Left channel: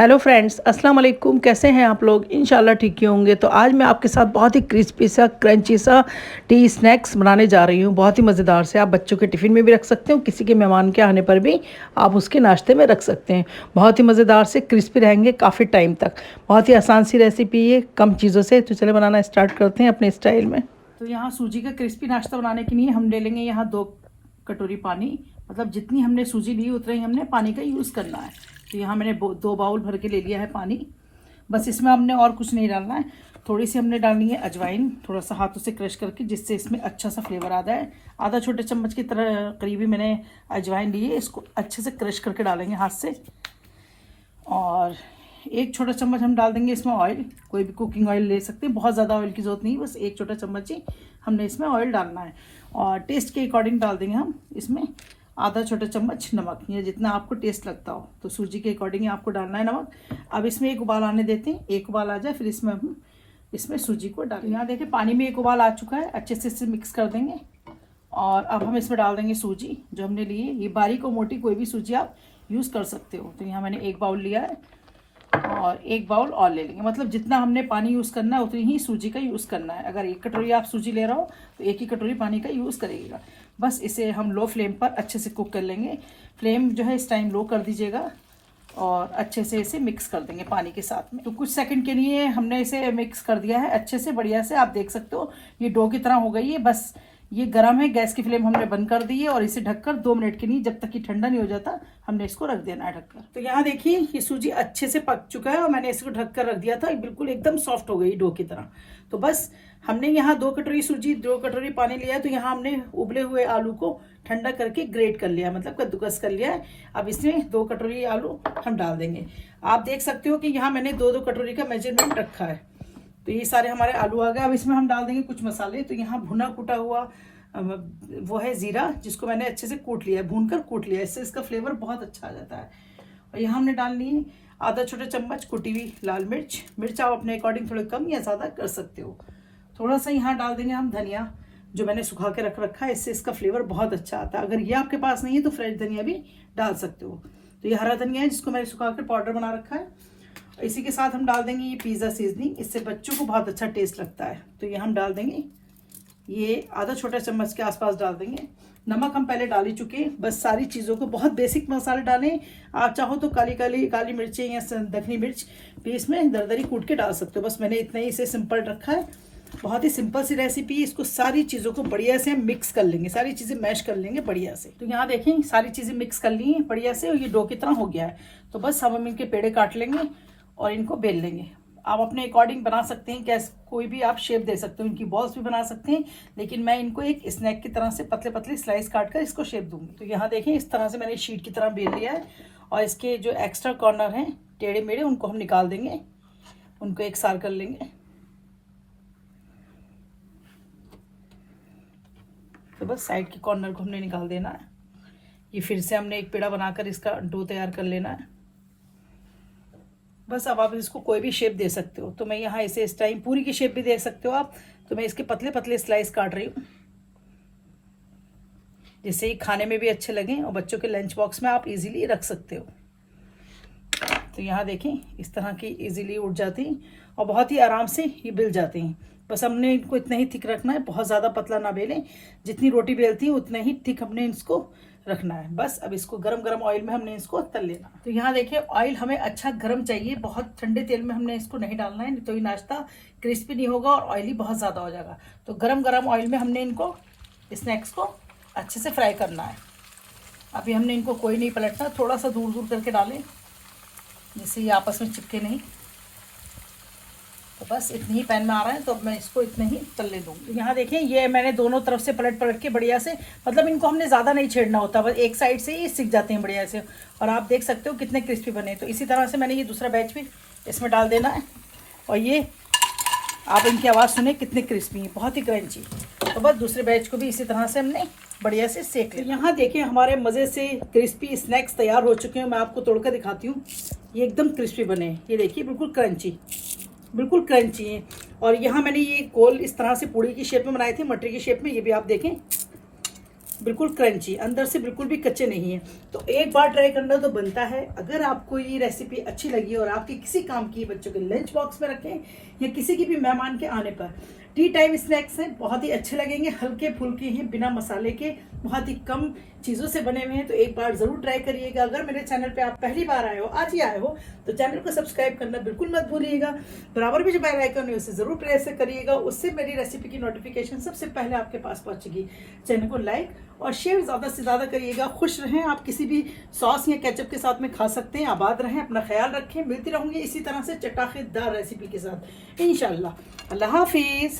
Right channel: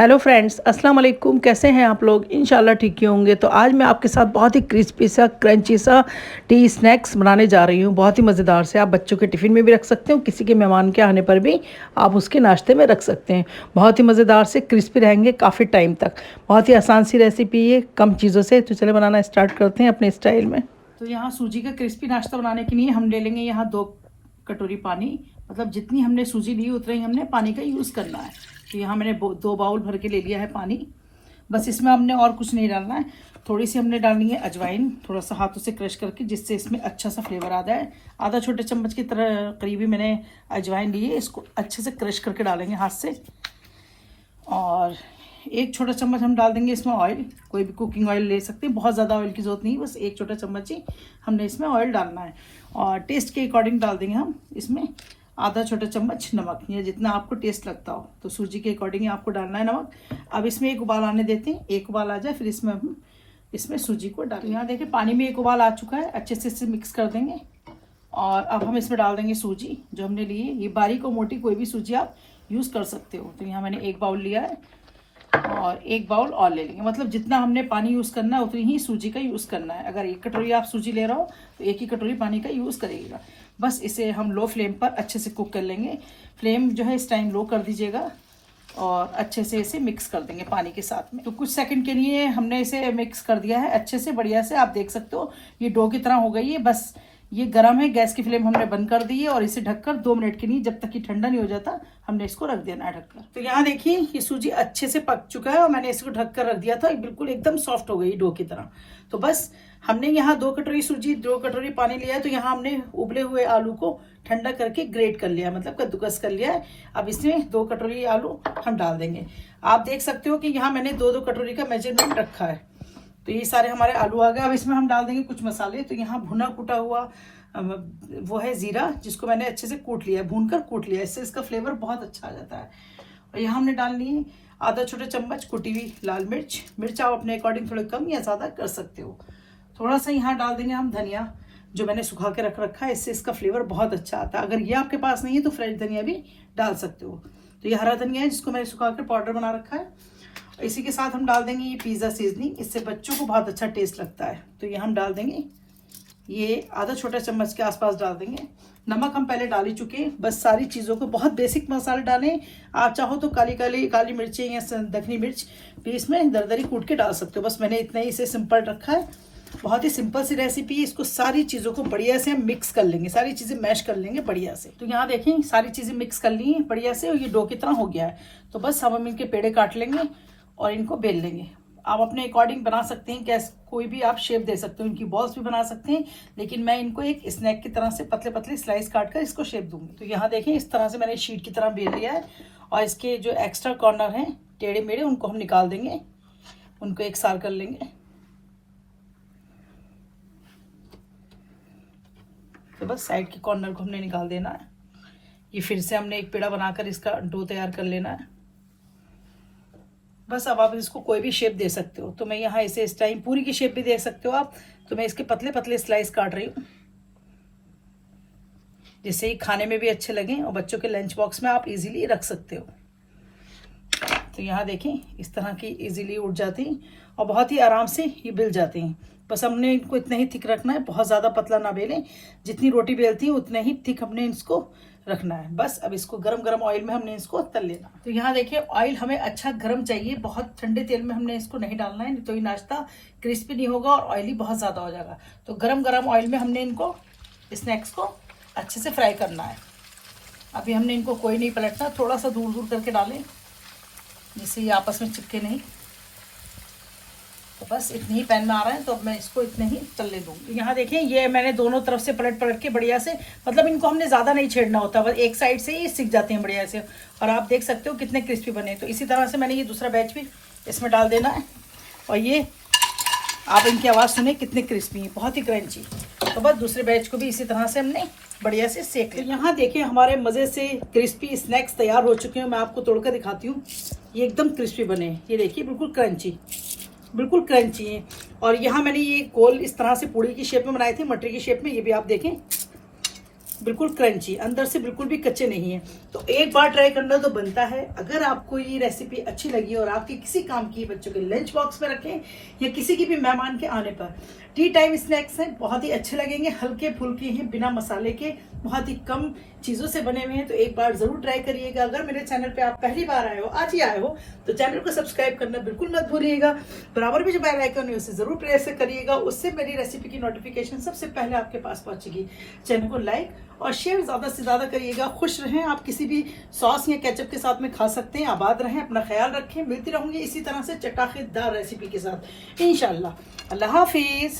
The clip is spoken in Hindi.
हेलो फ्रेंड्स, अस्सलाम वालेकुम। कैसे हैं आप लोग? इंशाल्लाह ठीक ही होंगे। तो आज मैं आपके साथ बहुत ही क्रिस्पी सा क्रंची सा टी स्नैक्स बनाने जा रही हूँ। बहुत ही मज़ेदार से। आप बच्चों के टिफ़िन में भी रख सकते हो, किसी के मेहमान के आने पर भी आप उसके नाश्ते में रख सकते हैं। बहुत ही मज़ेदार से क्रिस्पी रहेंगे काफ़ी टाइम तक। बहुत ही आसान सी रेसिपी है, कम चीज़ों से। तो चले बनाना स्टार्ट करते हैं अपने स्टाइल में। तो यहाँ सूजी का क्रिस्पी नाश्ता बनाने के लिए हम ले लेंगे यहाँ 2 कटोरी पानी। मतलब जितनी हमने सूजी ली उतना ही हमने पानी का यूज़ करना है। तो यहाँ मैंने 2 बाउल भर के ले लिया है पानी। बस इसमें हमने और कुछ नहीं डालना है। थोड़ी सी हमने डालनी है अजवाइन, थोड़ा सा हाथों से क्रश करके, जिससे इसमें अच्छा सा फ्लेवर आ जाए। आधा छोटे चम्मच की तरह करीबी मैंने अजवाइन ली है। इसको अच्छे से क्रश करके डालेंगे हाथ से। और 1 छोटा चम्मच हम डाल देंगे इसमें ऑयल। कोई भी कुकिंग ऑयल ले सकते हैं, बहुत ज़्यादा ऑयल की जरूरत नहीं, बस 1 छोटा चम्मच ही हमने इसमें ऑयल डालना है। और टेस्ट के अकॉर्डिंग डाल देंगे हम इसमें आधा छोटा चम्मच नमक, या जितना आपको टेस्ट लगता हो। तो सूजी के अकॉर्डिंग आपको डालना है नमक। अब इसमें एक उबाल आने देते हैं। एक उबाल आ जाए फिर इसमें हम सूजी को डालेंगे। यहाँ देखिए पानी में एक उबाल आ चुका है। अच्छे से इसे मिक्स कर देंगे। और अब हम इसमें डाल देंगे सूजी जो हमने ली है। ये बारीक और मोटी कोई भी सूजी आप यूज़ कर सकते हो। तो यहाँ मैंने 1 बाउल लिया है और 1 बाउल और ले लेंगे। मतलब जितना हमने पानी यूज़ करना है उतनी ही सूजी का यूज़ करना है। अगर 1 कटोरी आप सूजी ले रहे हो तो 1 ही कटोरी पानी का यूज़ करेगा। बस इसे हम लो फ्लेम पर अच्छे से कुक कर लेंगे। फ्लेम जो है इस टाइम लो कर दीजिएगा और अच्छे से इसे मिक्स कर देंगे पानी के साथ में। तो कुछ सेकंड के लिए हमने इसे मिक्स कर दिया है अच्छे से, बढ़िया से। आप देख सकते हो ये डो की तरह हो गई है। बस ये गर्म है, गैस की फ्लेम हमने बंद कर दी है। और इसे ढककर 2 मिनट के लिए, जब तक कि ठंडा नहीं हो जाता, हमने इसको रख देना है ढककर। तो यहाँ देखिए ये सूजी अच्छे से पक चुका है और मैंने इसको ढककर रख दिया था। बिल्कुल एकदम सॉफ्ट हो गई डो की तरह। तो बस हमने यहाँ 2 कटोरी सूजी 2 कटोरी पानी लिया है। तो यहाँ हमने उबले हुए आलू को ठंडा करके ग्रेट कर लिया, मतलब कद्दूकस कर लिया है। अब इसमें 2 कटोरी आलू हम डाल देंगे। आप देख सकते हो कि यहाँ मैंने 2-2 कटोरी का मेजरमेंट रखा है। तो ये सारे हमारे आलू आ गए। अब इसमें हम डाल देंगे कुछ मसाले। तो यहाँ भुना कूटा हुआ वो है जीरा, जिसको मैंने अच्छे से कूट लिया है, भूनकर कूट लिया है। इससे इसका फ्लेवर बहुत अच्छा आ जाता है। और यहाँ हमने डालनी है आधा छोटा चम्मच कुटी हुई लाल मिर्च। मिर्च आप अपने अकॉर्डिंग थोड़ी कम या ज़्यादा कर सकते हो। थोड़ा सा यहाँ डाल देंगे हम धनिया, जो मैंने सुखा के रख रखा है। इससे इसका फ्लेवर बहुत अच्छा आता है। अगर ये आपके पास नहीं है तो फ्रेश धनिया भी डाल सकते हो। तो ये हरा धनिया है जिसको मैंने सुखा के पाउडर बना रखा है। इसी के साथ हम डाल देंगे ये पिज़्ज़ा सीजनिंग। इससे बच्चों को बहुत अच्छा टेस्ट लगता है। तो ये हम डाल देंगे, ये आधा छोटा चम्मच के आसपास डाल देंगे। नमक हम पहले डाल ही चुके हैं। बस सारी चीज़ों को, बहुत बेसिक मसाले डालें। आप चाहो तो काली मिर्चें या दखनी मिर्च भी इसमें दरदरी कूट के डाल सकते हो। बस मैंने इतना ही इसे सिंपल रखा है। बहुत ही सिंपल सी रेसिपी है। इसको सारी चीज़ों को बढ़िया से मिक्स कर लेंगे, सारी चीज़ें मैश कर लेंगे बढ़िया से। तो यहाँ देखें सारी चीज़ें मिक्स कर ली हैं बढ़िया से और ये डो की तरह हो गया है। तो बस हम इनके पेड़े काट लेंगे और इनको बेल लेंगे। आप अपने अकॉर्डिंग बना सकते हैं, कैसे कोई भी आप शेप दे सकते हो। इनकी बॉल्स भी बना सकते हैं, लेकिन मैं इनको एक स्नैक की तरह से पतले पतले स्लाइस काट कर इसको शेप दूंगी। तो यहाँ देखें इस तरह से मैंने शीट की तरह बेल लिया है। और इसके जो एक्स्ट्रा कॉर्नर हैं टेढ़े मेढ़े, उनको हम निकाल देंगे, उनको एक सार कर लेंगे। तो बस साइड के कॉर्नर को हमने निकाल देना है। ये फिर से हमने एक पेड़ा बनाकर इसका डो तैयार कर लेना है। बस अब आप इसको कोई भी शेप दे सकते हो। तो मैं यहाँ इसे इस टाइम पूरी की शेप भी दे सकते हो आप। तो मैं इसके पतले पतले स्लाइस काट रही हूँ, जिससे ही खाने में भी अच्छे लगें और बच्चों के लंच बॉक्स में आप इजीली रख सकते हो। तो यहाँ देखें इस तरह की इजीली उठ जाती हैं और बहुत ही आराम से ये बिल जाती हैं। बस हमने इनको इतना ही थिक रखना है, बहुत ज़्यादा पतला ना बेलें। जितनी रोटी बेलती है उतना ही थिक हमने इसको रखना है। बस अब इसको गरम गरम ऑयल में हमने इसको तल लेना। तो यहाँ देखिए ऑयल हमें अच्छा गरम चाहिए, बहुत ठंडे तेल में हमने इसको नहीं डालना है, नहीं तो ये नाश्ता क्रिस्पी नहीं होगा और ऑयली बहुत ज़्यादा हो जाएगा। तो गरम गरम ऑयल में हमने इनको स्नैक्स को अच्छे से फ्राई करना है। अभी हमने इनको कोई नहीं पलटना, थोड़ा सा दूर दूर करके डालें जिससे ये आपस में चिपके नहीं। तो बस इतनी ही पैन में आ रहा है, तो अब मैं इसको इतने ही तलने दूंगी। यहाँ देखें ये मैंने दोनों तरफ से पलट पलट के बढ़िया से, मतलब इनको हमने ज़्यादा नहीं छेड़ना होता, बस एक साइड से ही सीख जाते हैं बढ़िया से। और आप देख सकते हो कितने क्रिस्पी बने। तो इसी तरह से मैंने ये दूसरा बैच भी इसमें डाल देना है। और ये आप इनकी आवाज़ सुने कितने क्रिस्पी हैं, बहुत ही क्रंची। तो बस दूसरे बैच को भी इसी तरह से हमने बढ़िया से सेक लिया। यहाँ देखिए हमारे मज़े से क्रिस्पी स्नैक्स तैयार हो चुके हैं। मैं आपको तोड़कर दिखाती हूँ। ये एकदम क्रिस्पी बने हैं, ये देखिए बिल्कुल क्रंची, बिल्कुल क्रंची है। और यहाँ मैंने ये गोल इस तरह से पूड़ी की शेप में बनाए थे, मटरी की शेप में। ये भी आप देखें बिल्कुल क्रंची, अंदर से बिल्कुल भी कच्चे नहीं है। तो एक बार ट्राई करना तो बनता है। अगर आपको ये रेसिपी अच्छी लगी और आपके किसी काम की, बच्चों के लंच बॉक्स में रखें या किसी की भी मेहमान के आने पर, टी टाइम स्नैक्स हैं, बहुत ही अच्छे लगेंगे, हल्के फुल्के हैं, बिना मसाले के, बहुत ही कम चीज़ों से बने हुए हैं। तो एक बार ज़रूर ट्राई करिएगा। अगर मेरे चैनल पे आप पहली बार आए हो, आज ही आए हो, तो चैनल को सब्सक्राइब करना बिल्कुल मत भूलिएगा। बराबर में जो बेल आइकन है उसे ज़रूर प्रेस करिएगा, उससे मेरी रेसिपी की नोटिफिकेशन सबसे पहले आपके पास पहुंचेगी। चैनल को लाइक और शेयर ज़्यादा से ज़्यादा करिएगा। खुश रहें, आप किसी भी सॉस या केचप के साथ में खा सकते हैं। आबाद रहें, अपना ख्याल रखें। मिलती रहूंगी इसी तरह से चटाखेदार रेसिपी के साथ इंशाल्लाह। अल्लाह हाफिज़।